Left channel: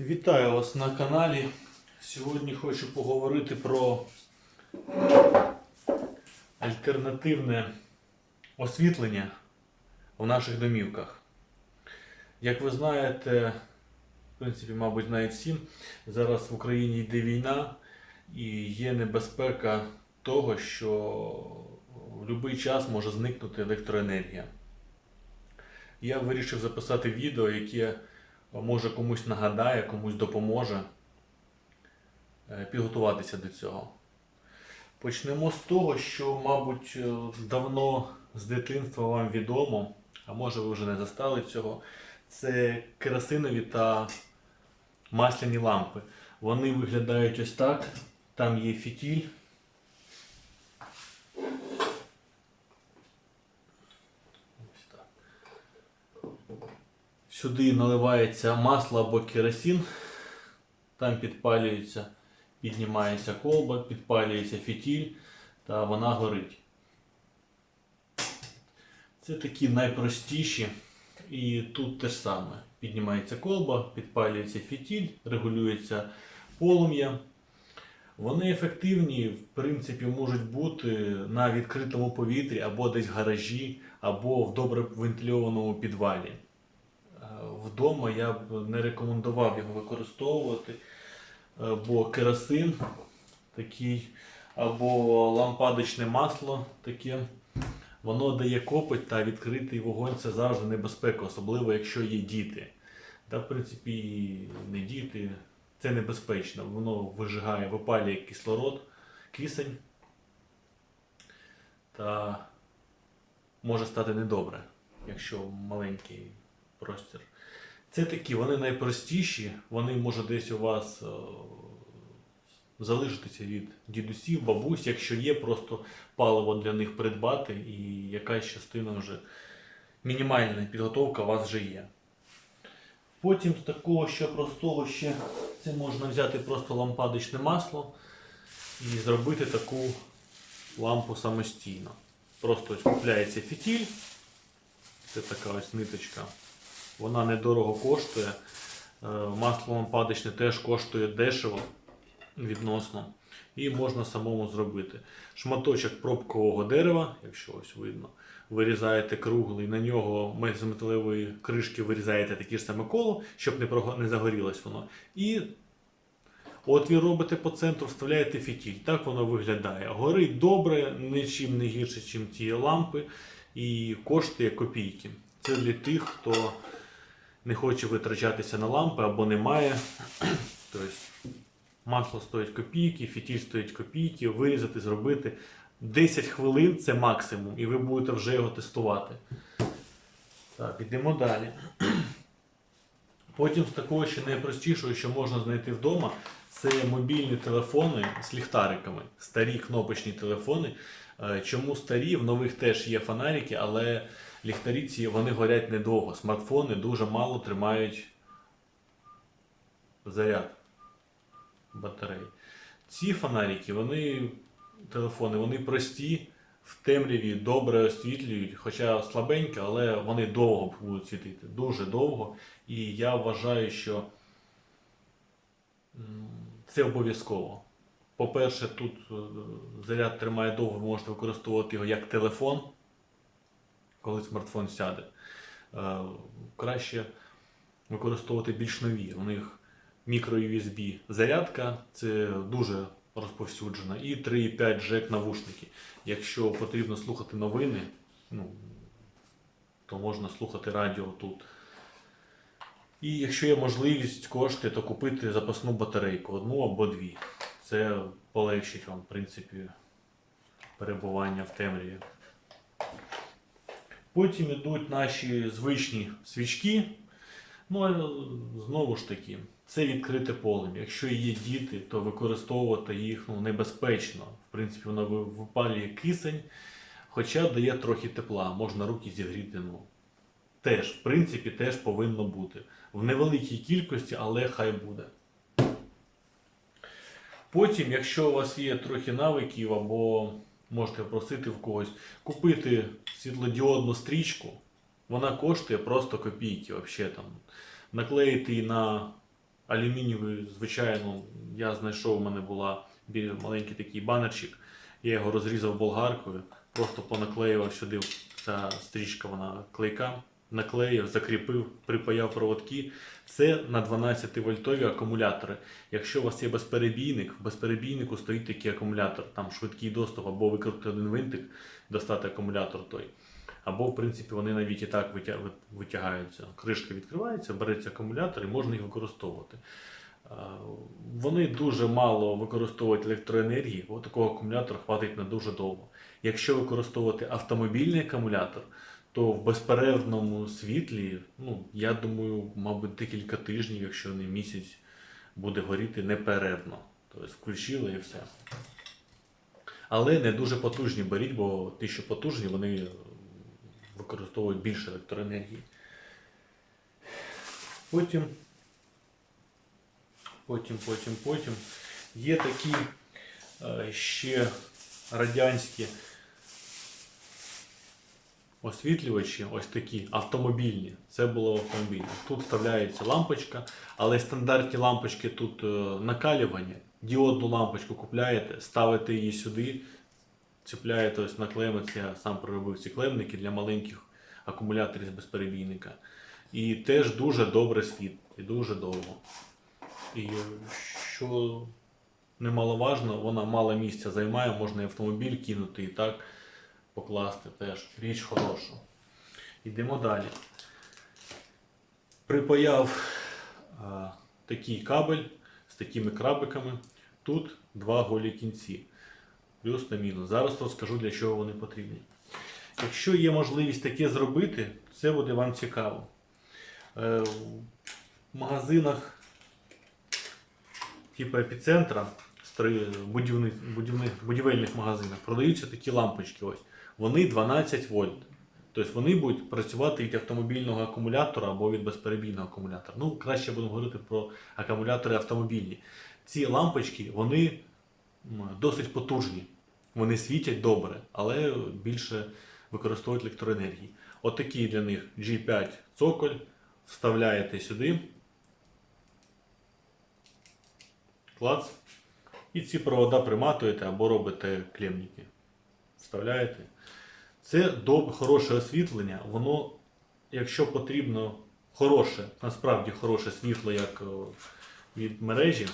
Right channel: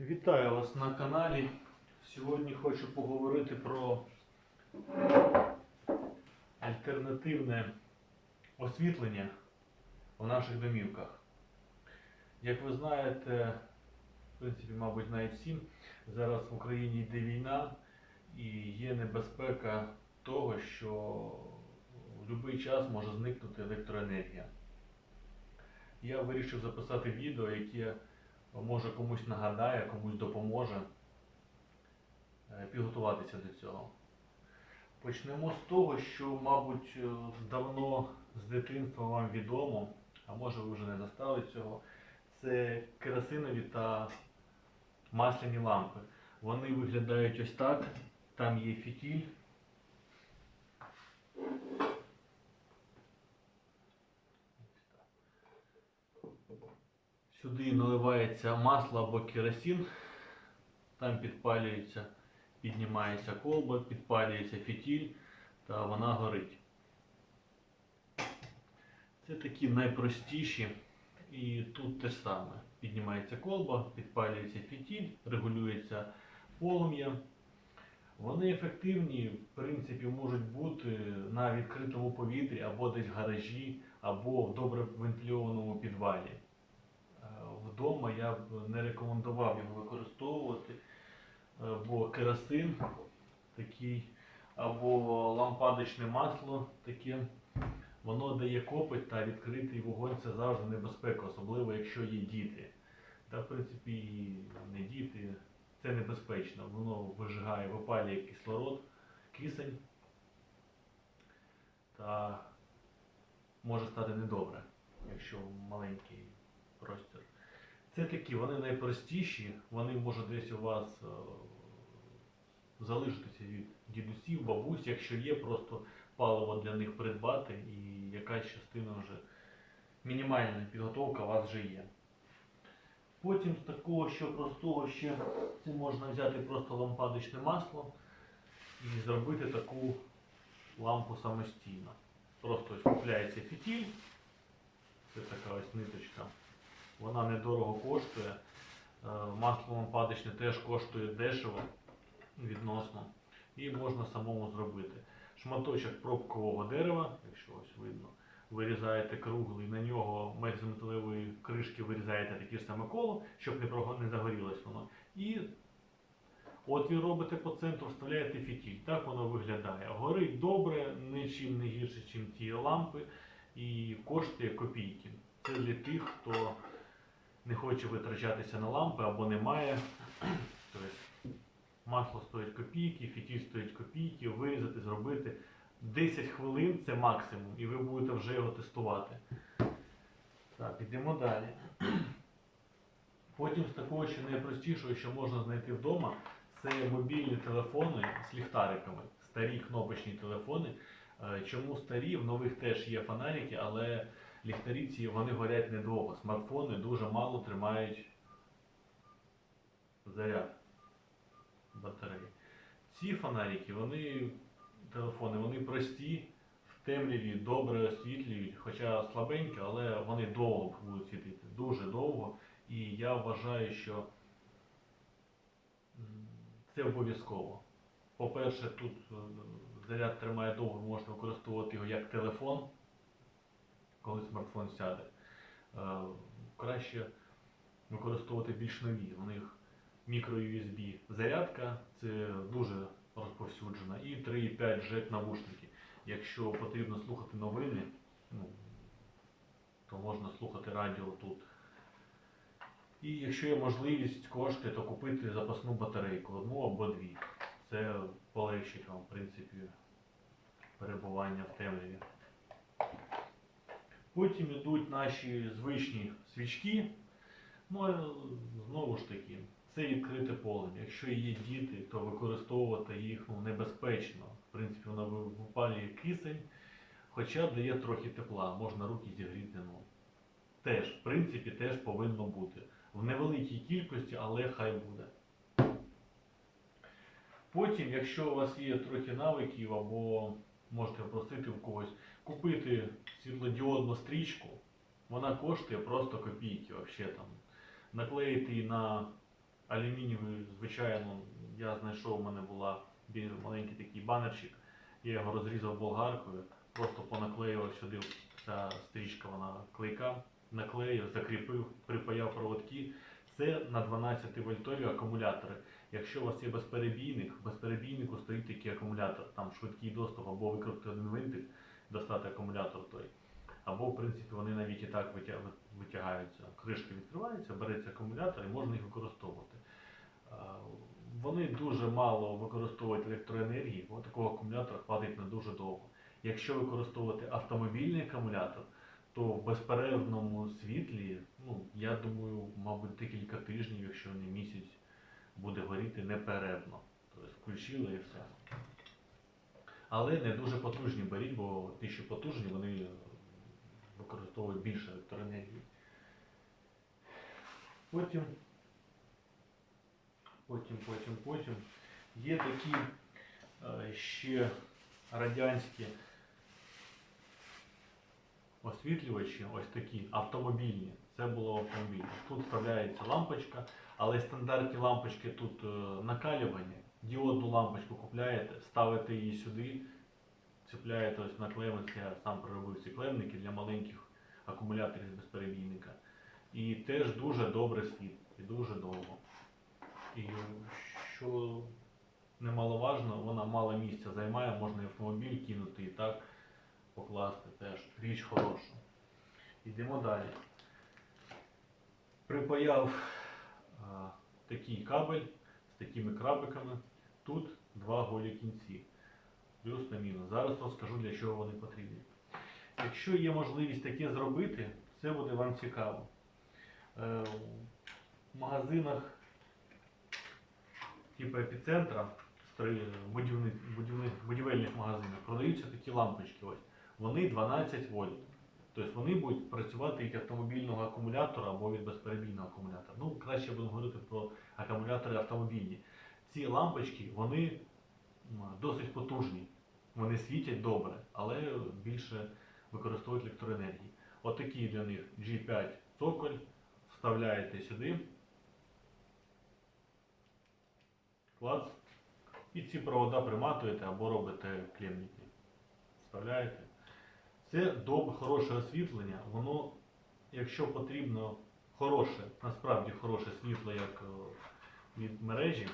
Вітаю вас на каналі. Сьогодні хочу поговорити про альтернативне освітлення в наших домівках. Як ви знаєте, в принципі, мабуть, знають всі, зараз в Україні йде війна і є небезпека того, що в будь-який час може зникнути електроенергія. Я вирішив записати відео, яке може комусь нагадає, комусь допоможе е, підготуватися до цього. Почнемо з того, що, мабуть, е, давно з дитинства вам відомо, а може ви вже не застали цього. Це керосинові та масляні лампи. Вони виглядають ось так. Там є фітіль. Сюди наливається масло або керосин, там підпалюється, піднімається колба, підпалюється фітіль та вона горить. Це такі найпростіші. І тут те ж саме. Піднімається колба, підпалюється фітіль, регулюється полум'я. Вони ефективні, в принципі, можуть бути на відкритому повітрі або десь в гаражі, або в добре вентильованому підвалі. Вдома я б не рекомендував його використовувати, е, бо керосин такий, або лампадочне масло таке, воно дає копоть та відкритий вогонь це завжди небезпека, особливо якщо є діти. Та, в принципі, не діти, це небезпечно. Воно вижигає, випалює кислород, кисень та може стати недобре, якщо маленький простір. Це такі, вони найпростіші, вони може десь у вас е, залишитися від дідусів, бабусь, якщо є просто паливо для них придбати і якась частина вже мінімальна підготовка у вас вже є. Потім з такого що простого ще це можна взяти просто лампадочне масло і зробити таку лампу самостійно. Просто ось купляється фітіль, це така ось ниточка. Вона недорого коштує. Е, Масло лампадочне теж коштує дешево відносно. І можна самому зробити. Шматочок пробкового дерева, якщо ось видно, вирізаєте круглий, на нього з металевої кришки вирізаєте такі ж саме коло, щоб не, не загорілось воно. І отвір робите по центру, вставляєте фітіль. Так воно виглядає. Горить добре, нічим не гірше, ніж ті лампи, і коштує копійки. Це для тих, хто не хоче витрачатися на лампи або не має. Тобто масло стоїть копійки, фітіль стоїть копійки, вирізати, зробити. 10 хвилин це максимум, і ви будете вже його тестувати. Так, йдемо далі. Потім з такого ще найпростішого, що можна знайти вдома, це мобільні телефони з ліхтариками, старі кнопочні телефони. Е, Чому старі? В нових теж є фонарики, але ліхтарі ці вони горять недовго. Смартфони дуже мало тримають заряд батареї. Ці фонарики, вони, телефони, вони прості, в темряві добре освітлюють, хоча слабенько, але вони довго будуть світити, дуже довго. І я вважаю, що це обов'язково. По-перше, тут е, заряд тримає довго, ви можете використовувати його як телефон, коли смартфон сяде. Е, Краще використовувати більш нові. У них мікро-USB зарядка, це дуже розповсюджена, і 3,5 джек навушники. Якщо потрібно слухати новини, ну, то можна слухати радіо тут. І якщо є можливість кошти, то купити запасну батарейку, одну або дві. Це полегшить вам, в принципі, перебування в темряві. Потім йдуть наші звичні свічки. Ну, знову ж таки, це відкрите полум'я. Якщо є діти, то використовувати їх ну, небезпечно. В принципі, воно випалює кисень, хоча дає трохи тепла, можна руки зігріти. Ну, теж, в принципі, теж повинно бути. В невеликій кількості, але хай буде. Потім, якщо у вас є трохи навиків, або можете просити в когось купити світлодіодну стрічку, вона коштує просто копійки, взагалі там. Наклеїти її на алюмінієвий, звичайно, я знайшов, у мене була маленький такий банерчик. Я його розрізав болгаркою, просто понаклеював сюди ця стрічка, вона клейка, наклеїв, закріпив, припаяв проводки. Це на 12 вольтові акумулятори. Якщо у вас є безперебійник, в безперебійнику стоїть такий акумулятор, там швидкий доступ, або викрутити один винтик, достати акумулятор той. Або, в принципі, вони навіть і так витягаються. Кришка відкривається, береться акумулятор і можна їх використовувати. Вони дуже мало використовують електроенергії, бо такого акумулятора хватить на дуже довго. Якщо використовувати автомобільний акумулятор, то в безперервному світлі, ну, я думаю, мабуть, декілька тижнів, якщо не місяць, буде горіти неперервно. Тобто включили і все. Але не дуже потужні беріть, бо ті, що потужні, вони використовують більше електроенергії. Потім, потім, потім, потім є такі е, ще радянські освітлювачі, ось такі автомобільні. Це було автомобільні. Тут вставляється лампочка, але стандартні лампочки тут е, накалювання. Діодну лампочку купляєте, ставите її сюди, цепляєте ось на клеми. Я сам проробив ці клемники для маленьких акумуляторів з безперебійника. І теж дуже добре світ, і дуже довго. І е, що немаловажно, вона мало місця займає, можна і автомобіль кинути і так покласти теж. Річ хороша. Йдемо далі. Припаяв а, такий кабель з такими крабиками. Тут два голі кінці. Плюс та мінус. Зараз розкажу, для чого вони потрібні. Якщо є можливість таке зробити, це буде вам цікаво. Е, В магазинах типу епіцентра, будівних, будівельних магазинах продаються такі лампочки. Ось. Вони 12 вольт. Тобто вони будуть працювати від автомобільного акумулятора або від безперебійного акумулятора. Ну, краще будемо говорити про акумулятори автомобільні. Ці лампочки вони досить потужні. Вони світять добре, але більше використовують електроенергії. Отакий для них G5 цоколь. Вставляєте сюди. Клац. І ці провода приматуєте або робите клемники. Вставляєте. Це доб, хороше освітлення. Воно, якщо потрібно хороше, насправді хороше світло, як від мережі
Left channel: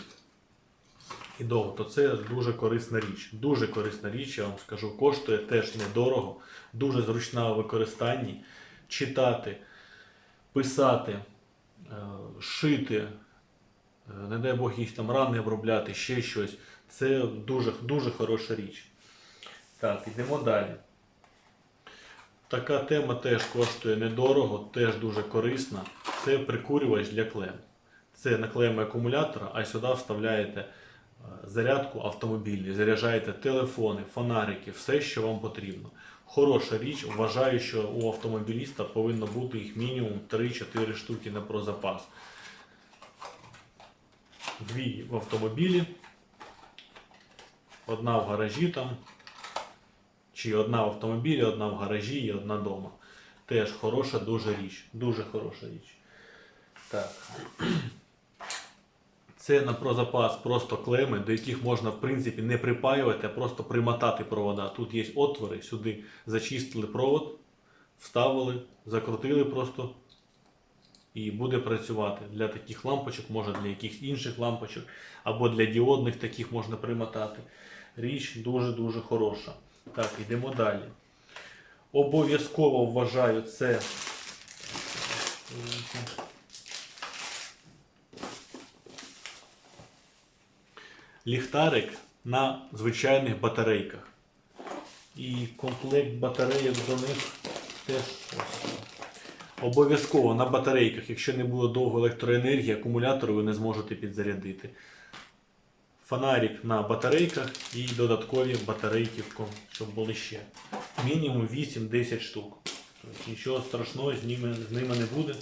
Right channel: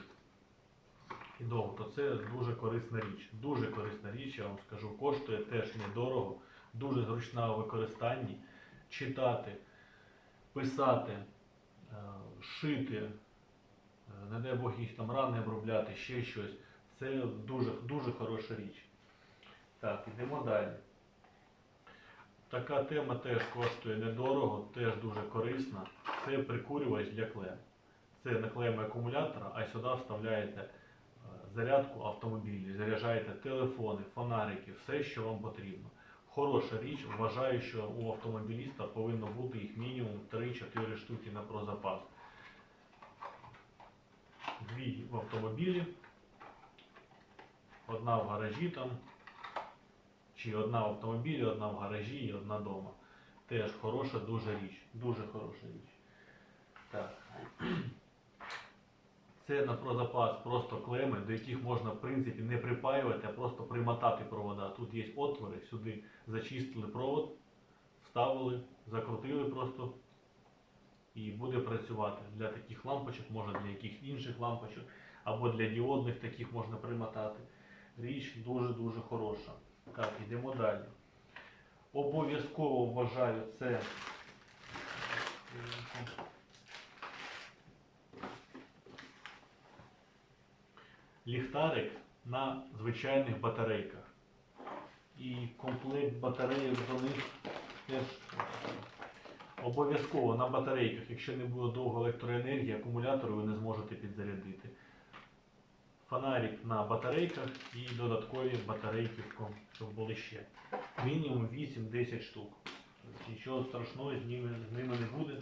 і довго, то це дуже корисна річ. Дуже корисна річ, я вам скажу, коштує теж недорого, дуже зручна у використанні. Читати, писати, е, шити, е, не дай Бог якісь там рани обробляти, ще щось. Це дуже, дуже хороша річ. Так, йдемо далі. Така тема теж коштує недорого, теж дуже корисна. Це прикурювач для клем. Це на клеми акумулятора, а сюди вставляєте е, зарядку автомобільну, заряджаєте телефони, фонарики, все, що вам потрібно. Хороша річ, вважаю, що у автомобіліста повинно бути їх мінімум 3-4 штуки на прозапас. Дві в автомобілі, одна в гаражі там, чи одна в автомобілі, одна в гаражі і одна вдома. Теж хороша дуже річ. Дуже хороша річ. Так. Це на прозапас просто клеми, до яких можна в принципі не припаювати, а просто примотати провода. Тут є отвори, сюди зачистили провод, вставили, закрутили просто і буде працювати. Для таких лампочок, може для якихось інших лампочок, або для діодних таких можна примотати. Річ дуже-дуже хороша. Так, йдемо далі. Обов'язково вважаю це. Ліхтарик на звичайних батарейках. І комплект батарейок до них теж обов'язково на батарейках, якщо не буде довго електроенергії, акумулятори ви не зможете підзарядити. Фонарик на батарейках і додаткові батарейки, щоб були ще. Мінімум 8-10 штук. Тобто нічого страшного з ними, з ними не буде.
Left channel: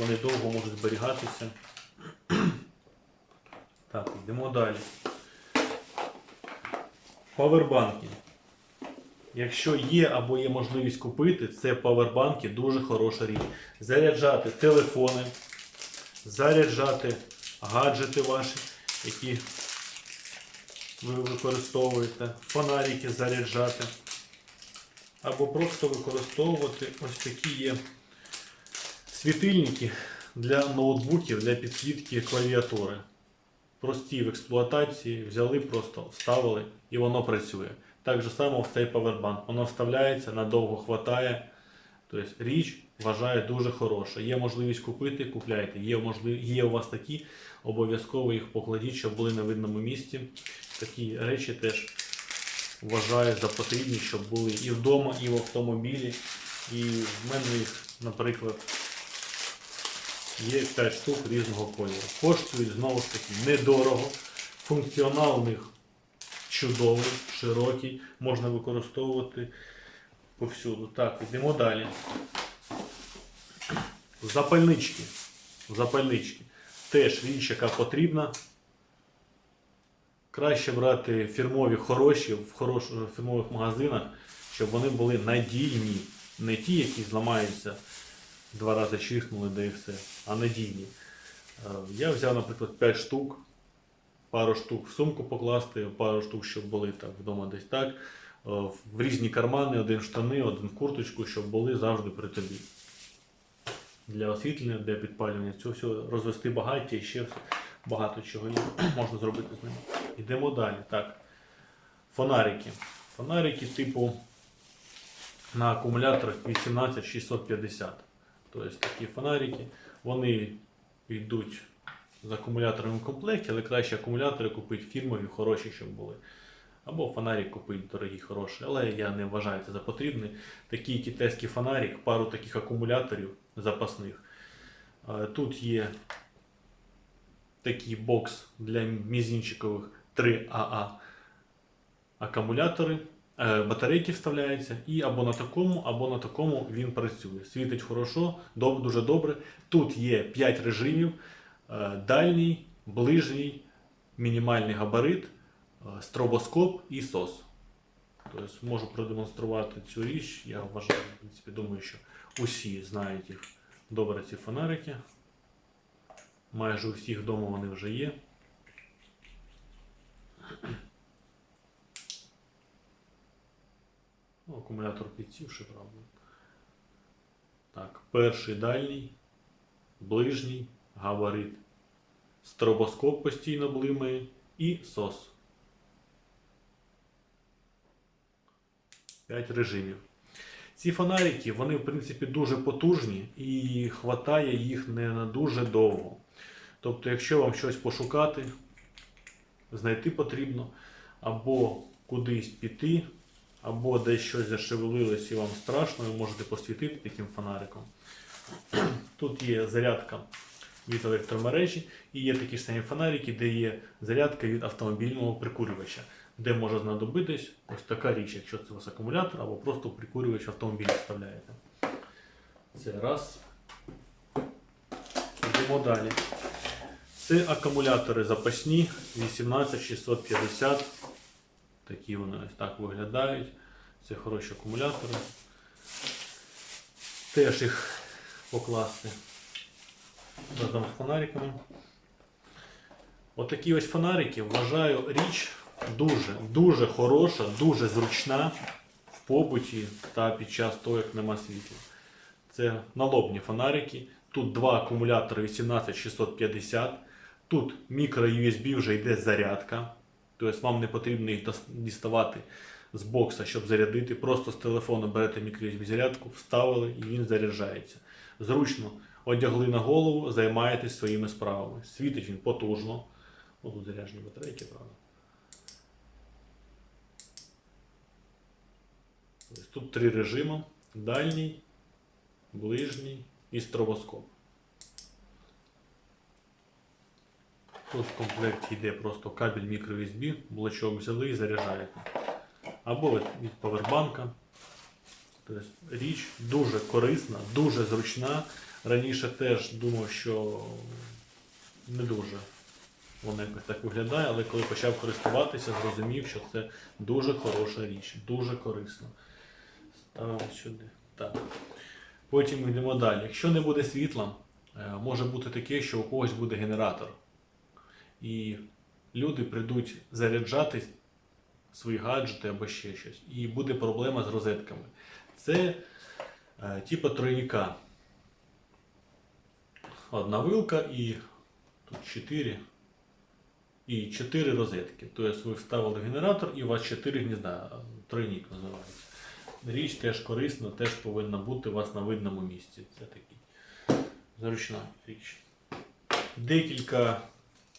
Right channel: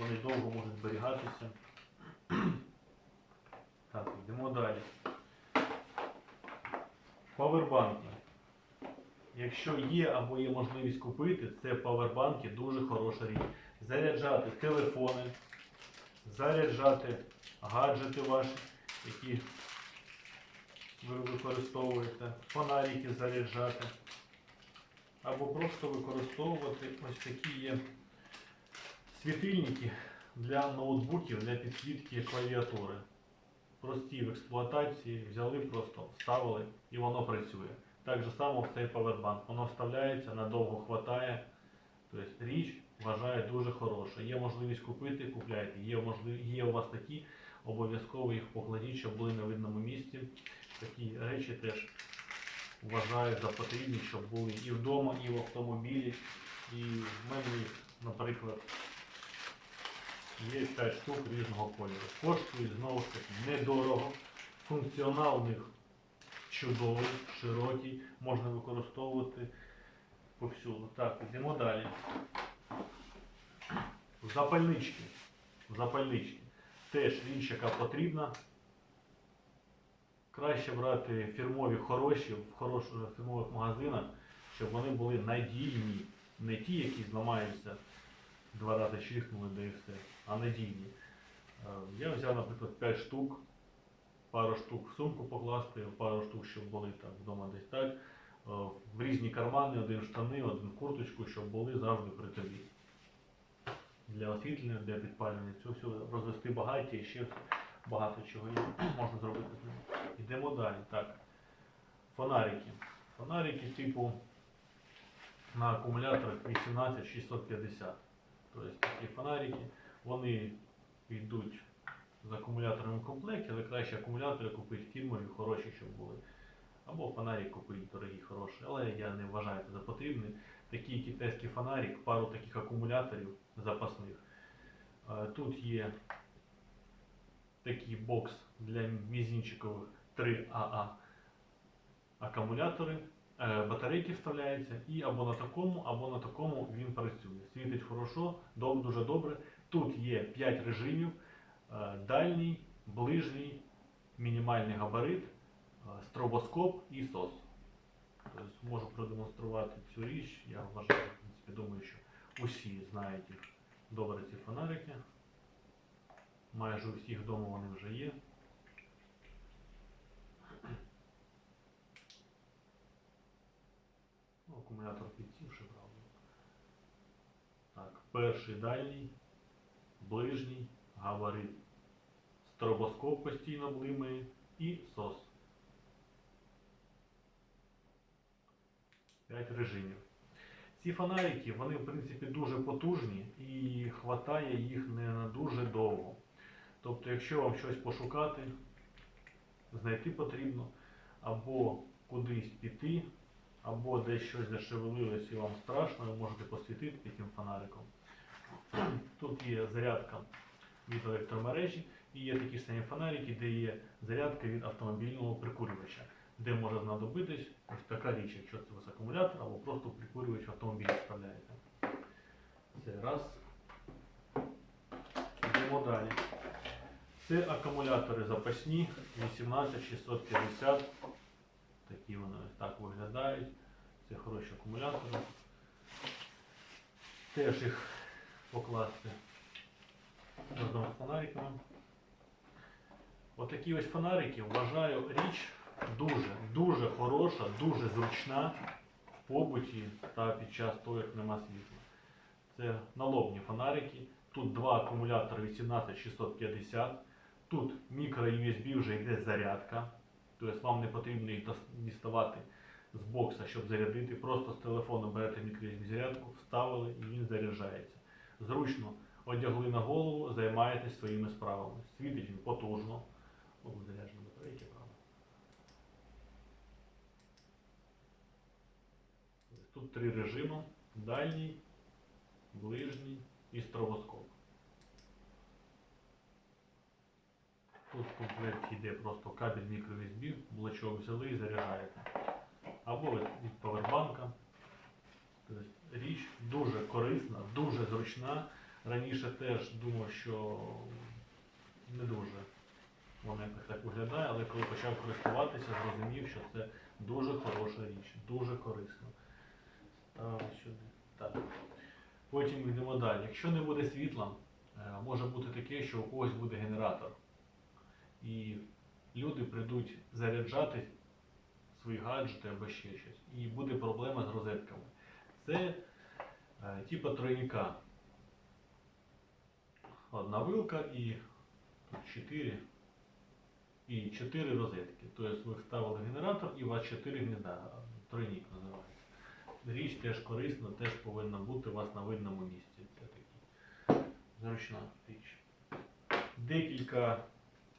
Вони довго можуть зберігатися. Так, йдемо далі. Павербанки. Якщо є або є можливість купити, це павербанки дуже хороша річ. Заряджати телефони, заряджати гаджети ваші, які ви використовуєте, фонарики заряджати. Або просто використовувати ось такі є світильники для ноутбуків, для підсвітки клавіатури. Прості в експлуатації, взяли просто, вставили і воно працює. Так же само в цей павербанк. Воно вставляється, надовго хватає. Тобто річ вважаю дуже хороша. Є можливість купити, купляйте. Є, можлив... є у вас такі, обов'язково їх покладіть, щоб були на видному місці. Такі речі теж вважаю за потрібні, щоб були і вдома, і в автомобілі. І в мене їх, наприклад, є 5 штук різного кольору. Коштують знову ж таки недорого. Функціонал у них чудовий, широкий, можна використовувати повсюду. Так, йдемо далі. Запальнички. Запальнички. Теж річ, яка потрібна. Краще брати фірмові хороші в хороших фірмових магазинах, щоб вони були надійні. Не ті, які зламаються два рази чихнули, да і все, а надійні. Е, Я взяв, наприклад, 5 штук, пару штук в сумку покласти, пару штук, щоб були так вдома десь так. Е, В різні кармани, один штани, один курточку, щоб були завжди при тобі. Для освітлення, для підпалювання. Цього всього розвести багаття і ще багато чого можна зробити з ними. Йдемо далі. Так. Фонарики. Фонарики типу на акумуляторах 18650. Тобто такі фонарики, вони йдуть з акумуляторами в комплекті, але краще акумулятори купити фірмові, хороші, щоб були. Або фонарик купити дорогі, хороші. Але я не вважаю це за потрібне. Такий китайський фонарик, пару таких акумуляторів запасних. Тут є такий бокс для мізінчикових 3АА акумулятори. Е, Батарейки вставляються і або на такому, або на такому він працює. Світить хорошо, дуже добре. Тут є 5 режимів: е, дальній, ближній, мінімальний габарит, е, стробоскоп і SOS. Тобто можу продемонструвати цю річ. Я вважаю, в принципі, думаю, що усі знають їх добре ці фонарики. Майже у всіх вдома вони вже є. Ну, акумулятор підсівши, правда. Так, перший дальній, ближній, габарит. Стробоскоп постійно блимає і SOS. 5 режимів. Ці фонарики, вони в принципі дуже потужні і хватає їх не на дуже довго. Тобто, якщо вам щось пошукати, знайти потрібно, або кудись піти, або десь щось зашевелилось і вам страшно, ви можете посвітити таким фонариком. Тут є зарядка від електромережі і є такі ж самі фонарики, де є зарядка від автомобільного прикурювача, де може знадобитись ось така річ, якщо це у вас акумулятор або просто прикурювач в автомобіль вставляєте. Це раз. Йдемо далі. Це акумулятори запасні 18650. Такі вони ось так виглядають. Це хороші акумулятори. Теж їх покласти разом з фонариками. Отакі ось фонарики вважаю річ дуже, дуже хороша, дуже зручна в побуті та під час того, як нема світла. Це налобні фонарики. Тут два акумулятори 18650. Тут мікро USB вже йде зарядка. Тобто вам не потрібно їх діставати з бокса, щоб зарядити. Просто з телефону берете мікро-USB зарядку, вставили і він заряджається. Зручно одягли на голову, займаєтесь своїми справами. Світить він потужно. О, тут заряджені батарейки, правда. Тут три режими: дальній, ближній і стробоскоп. Тут в комплекті йде просто кабель microUSB, блочок взяли і заряджаєте. Або від павербанка. Тобто річ дуже корисна, дуже зручна. Раніше теж думав, що не дуже воно якось так виглядає, але коли почав користуватися, зрозумів, що це дуже хороша річ, дуже корисна. Сюди. Так. Потім йдемо далі. Якщо не буде світла, е, може бути таке, що у когось буде генератор. і люди прийдуть заряджати свої гаджети або ще щось. І буде проблема з розетками. Це е, типу тройника. Одна вилка і тут 4. І 4 розетки. Тобто ви вставили генератор і у вас 4 гнізда. Тройник називається. Річ теж корисна, теж повинна бути у вас на видному місці. Це такий зручна річ. Декілька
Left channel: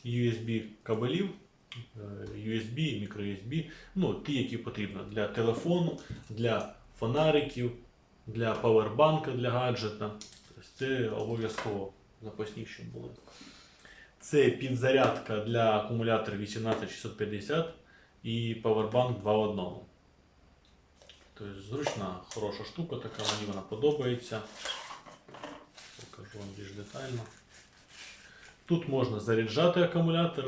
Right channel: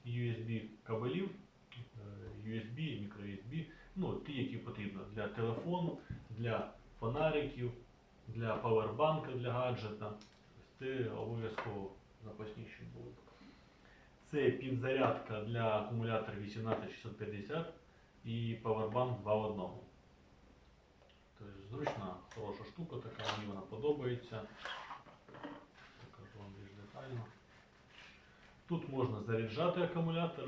USB кабелів, е, USB, microUSB, ну, ті, які потрібно для телефону, для фонариків, для павербанка для гаджета. Це обов'язково запасні, щоб були. Це підзарядка для акумулятора 18650 і павербанк 2 в 1. Тобто зручна, хороша штука, така мені вона подобається. Покажу вам більш детально. Тут можна заряджати акумулятор,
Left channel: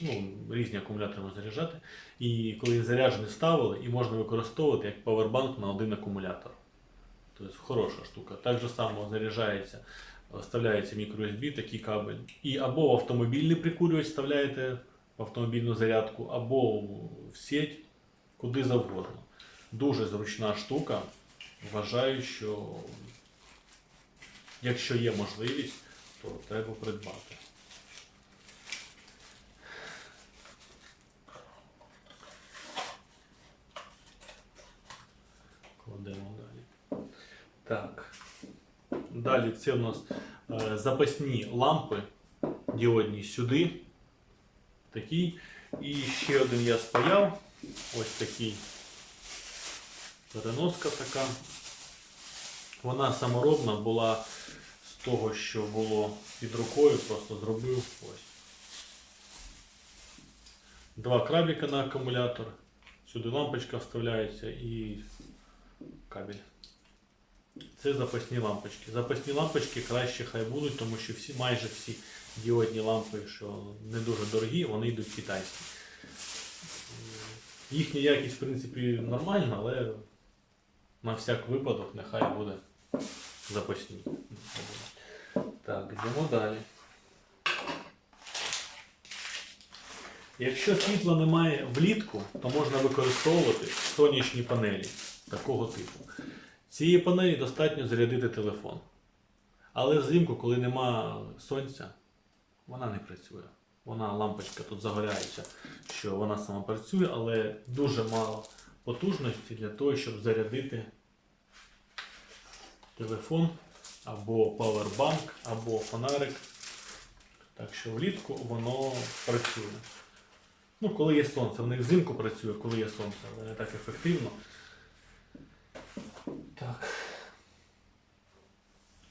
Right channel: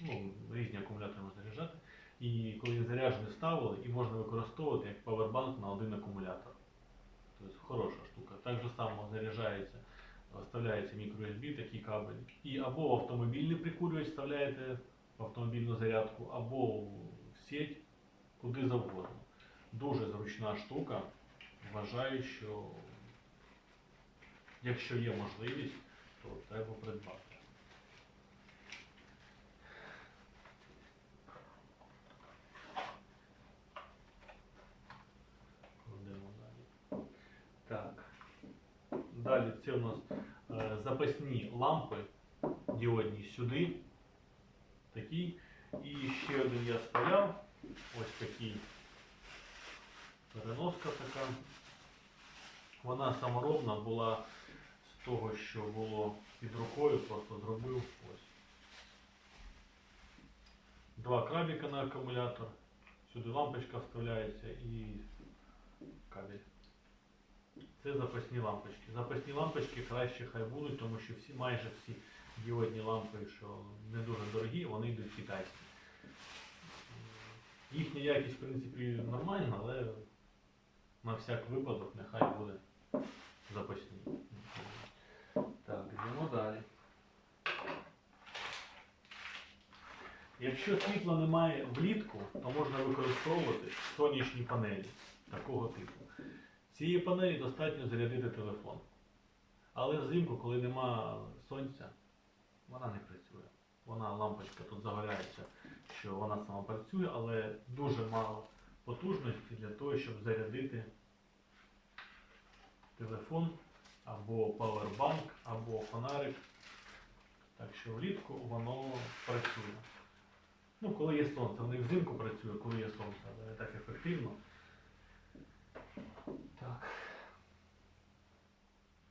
ну, різні акумулятори можна заряджати. І коли він заряджений ставили, і можна використовувати як павербанк на один акумулятор. Тобто хороша штука. Так же само заряджається, вставляється мікро-USB, такий кабель. І або в автомобільний прикурювач вставляєте в автомобільну зарядку, або в сеть, куди завгодно. Дуже зручна штука. Вважаю, що якщо є можливість, то треба придбати. Кладемо далі. Так. Далі це у нас е, запасні лампи діодні сюди. Такий. І ще один я спаяв. Ось такий переноска така. Вона саморобна була з того, що було під рукою, просто зробив ось. Два крабіка на акумулятор. Сюди лампочка вставляється і кабель. Це запасні лампочки. Запасні лампочки краще хай будуть, тому що всі, майже всі діодні лампи, що не дуже дорогі, вони йдуть китайські. Їхня якість, в принципі, нормальна, але на всяк випадок нехай буде запасні. Так, йдемо далі. Якщо світла немає влітку, то можна використовувати сонячні панелі такого типу. Цієї панелі достатньо зарядити телефон. Але взимку, коли нема сонця, вона не працює. Вона лампочка тут загоряється, що вона сама працює, але дуже мало потужності для того, щоб зарядити телефон або павербанк, або фонарик. Так що влітку воно працює. Ну, коли є сонце, в них взимку працює, коли є сонце, але не так ефективно. Так.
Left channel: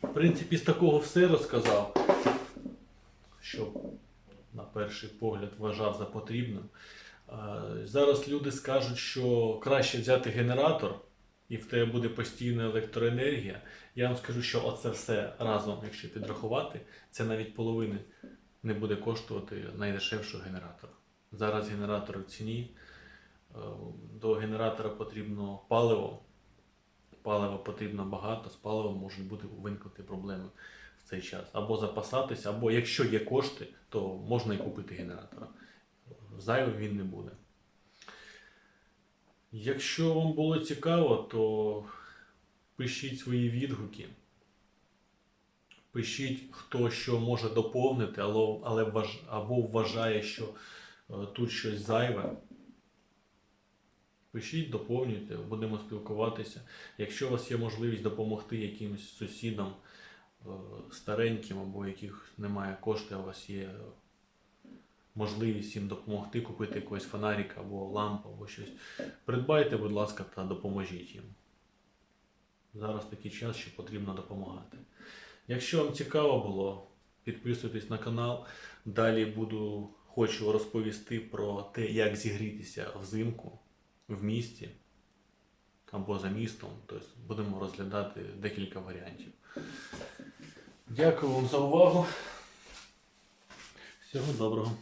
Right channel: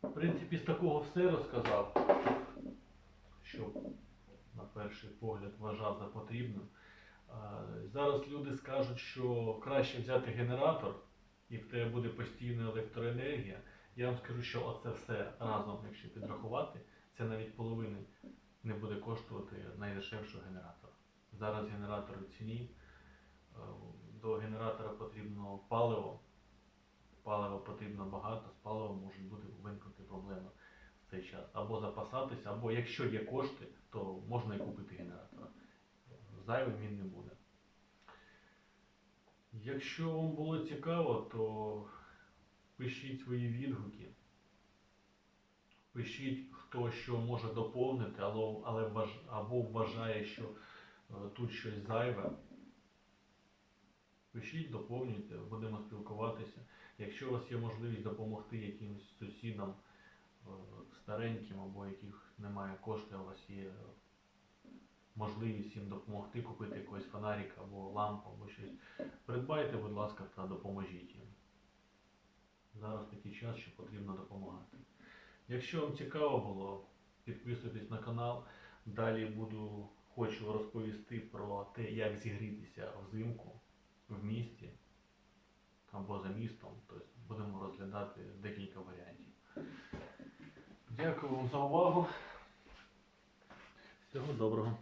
В принципі, з такого все розказав, що на перший погляд вважав за потрібним. Зараз люди скажуть, що краще взяти генератор і в тебе буде постійна електроенергія. Я вам скажу, що оце все разом, якщо підрахувати, це навіть половини не буде коштувати найдешевшого генератора. Зараз генератор в ціні. Е, До генератора потрібно паливо. Палива потрібно багато, з паливом можуть бути виникнути проблеми в цей час. Або запасатися, або якщо є кошти, то можна і купити генератора. Зайвим він не буде. Якщо вам було цікаво, то пишіть свої відгуки. Пишіть, хто що може доповнити, але, але або вважає, що е, тут щось зайве. Пишіть, доповнюйте, будемо спілкуватися. Якщо у вас є можливість допомогти якимось сусідам е, стареньким, або яких немає коштів, у вас є можливість їм допомогти, купити якийсь фонарик або лампу, або щось. Придбайте, будь ласка, та допоможіть їм. Зараз такий час, що потрібно допомагати. Якщо вам цікаво було, підписуйтесь на канал. Далі буду хочу розповісти про те, як зігрітися взимку в місті або за містом. Тобто будемо розглядати декілька варіантів. Дякую вам за увагу. Всього доброго.